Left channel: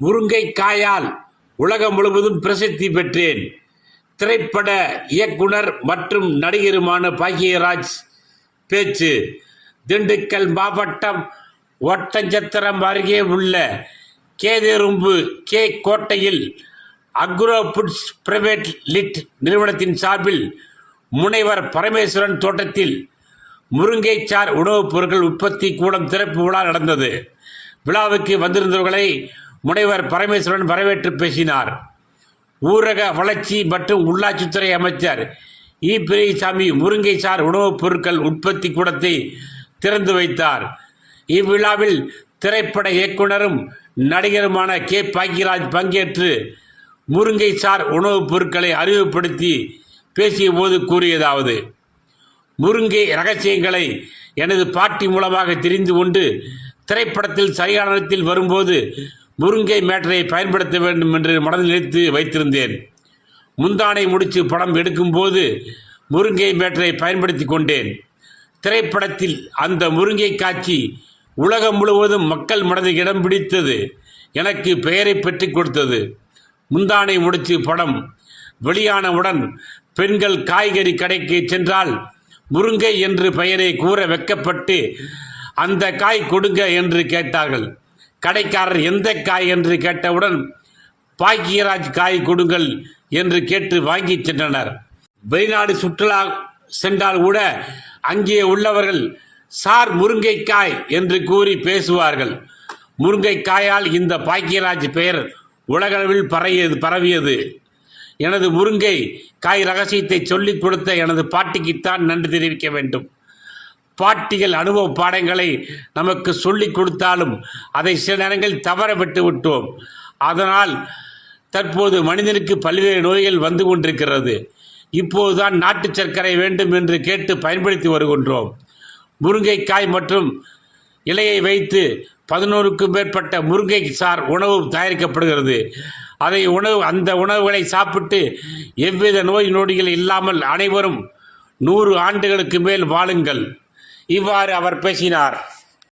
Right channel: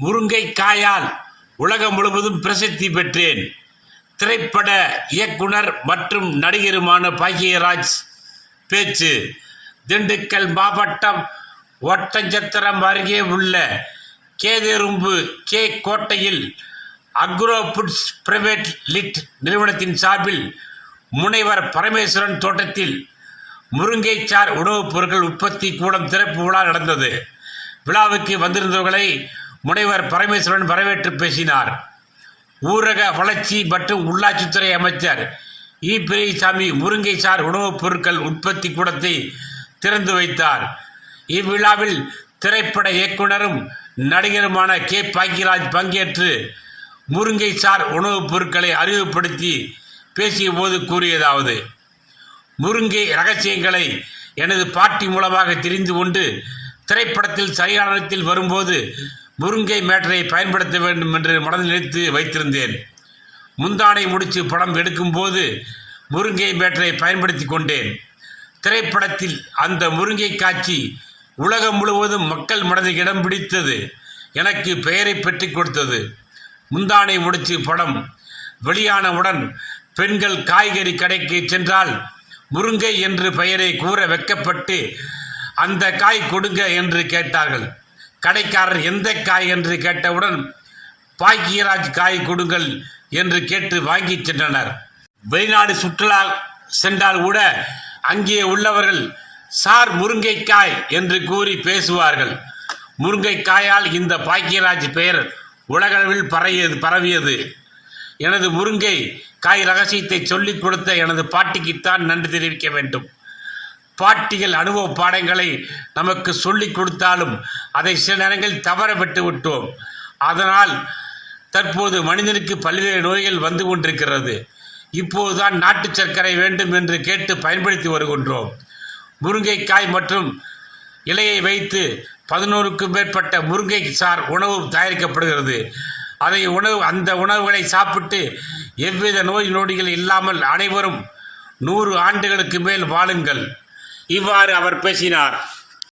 முருங்கைக்காயால் உலகம் முழுவதும் பிரசித்தி பெற்றேன். திரைப்பட இயக்குனர் மற்றும் நடிகருமான பாக்கியராஜ் பேச்சு. திண்டுக்கல் மாவட்டம் ஒட்டஞ்சத்திரம் அருகே உள்ள கேதெரும்பு கே கோட்டையில் அக்ரோ ஃபுட்ஸ் பிரைவேட் லிட் நிறுவனத்தின் சார்பில் முனைவர் பரமேஸ்வரன் தோட்டத்தில் முருங்கைச்சார் உணவுப் பொருட்கள் உற்பத்தி கூடம் திறப்பு விழா நடந்தது. விழாவுக்கு வந்திருந்தவர்களை முனைவர் பரமேஸ்வரன் வரவேற்று பேசினார். ஊரக வளர்ச்சி மற்றும் உள்ளாட்சித்துறை அமைச்சர் இ. பிரைசாமி முருங்கை சார் உணவுப் பொருட்கள் உற்பத்தி கூடத்தை திறந்து வைத்தார். இவ்விழாவில் திரைப்பட இயக்குனரும் நடிகருமான கே. பாக்கியராஜ் பங்கேற்று முருங்கைச்சார் உணவுப் பொருட்களை அறிமுகப்படுத்தி பேசிய போது கூறியதாவது முருங்கை ரகசியங்களை எனது பாட்டி மூலமாக தெரிந்து கொண்டு திரைப்படத்தில் சரியான நேரத்தில் வரும்போது முருங்கை மேட்டரை பயன்படுத்த வேண்டும் என்று மனதில் நினைத்து வைத்திருந்தேன். முந்தானை முடித்து படம் எடுக்கும்போது முருங்கை மேட்டரை பயன்படுத்தி கொண்டேன். திரைப்படத்தில் அந்த முருங்கை காட்சி உலகம் முழுவதும் மக்கள் மனதில் இடம் பிடித்தது. எனக்கு பெயரை பெற்றுக் கொடுத்தது. முந்தானை முடித்து படம் வெளியானவுடன் பெண்கள் காய்கறி கடைக்கு சென்றால் முருங்கை என்று பெயரை கூற வைக்கப்பட்டு அந்த காய் கொடுங்க என்று கேட்டார்கள். கடைக்காரர் எந்த காய் என்று கேட்டவுடன் பாக்கியராஜ் காய் கொடுங்கள் என்று கேட்டு வாங்கி சென்றனர். வெளிநாடு சுற்றுலா சென்றால் கூட அங்கே உள்ளவர்கள் சார் முருங்கைக்காய் என்று கூறி பேசுவார்கள். முருங்கைக்காயால் இந்த பாக்கியராஜ் பெயர் உலகளவில் பரவியது பரவியது. எனது முருங்கை காய் ரகசியத்தை சொல்லிக் கொடுத்த எனது பாட்டிக்குத்தான் நன்றி தெரிவிக்க வேண்டும். பாட்டிகள் அனுபவ பாடங்களை நமக்கு சொல்லிக் கொடுத்தாலும் அதை சில நேரங்களில் தவற விட்டு விட்டோம். அதனால் தற்போது மனிதனுக்கு பல்வேறு நோய்கள் வந்து கொண்டிருக்கிறது. இப்போதுதான் நாட்டு சர்க்கரை வேண்டும் என்று கேட்டு பயன்படுத்தி வருகின்றோம். முருங்கைக்காய் மற்றும் இலையை வைத்து பதினோருக்கும் மேற்பட்ட முருங்கை சார் உணவு தயாரிக்கப்படுகிறது. அதை உணவு அந்த உணவுகளை சாப்பிட்டு எவ்வித நோய் நொடிகள் இல்லாமல் அனைவரும் நூறு ஆண்டுகளுக்கு மேல் வாழுங்கள். இவ்வாறு அவர் பேசினார்.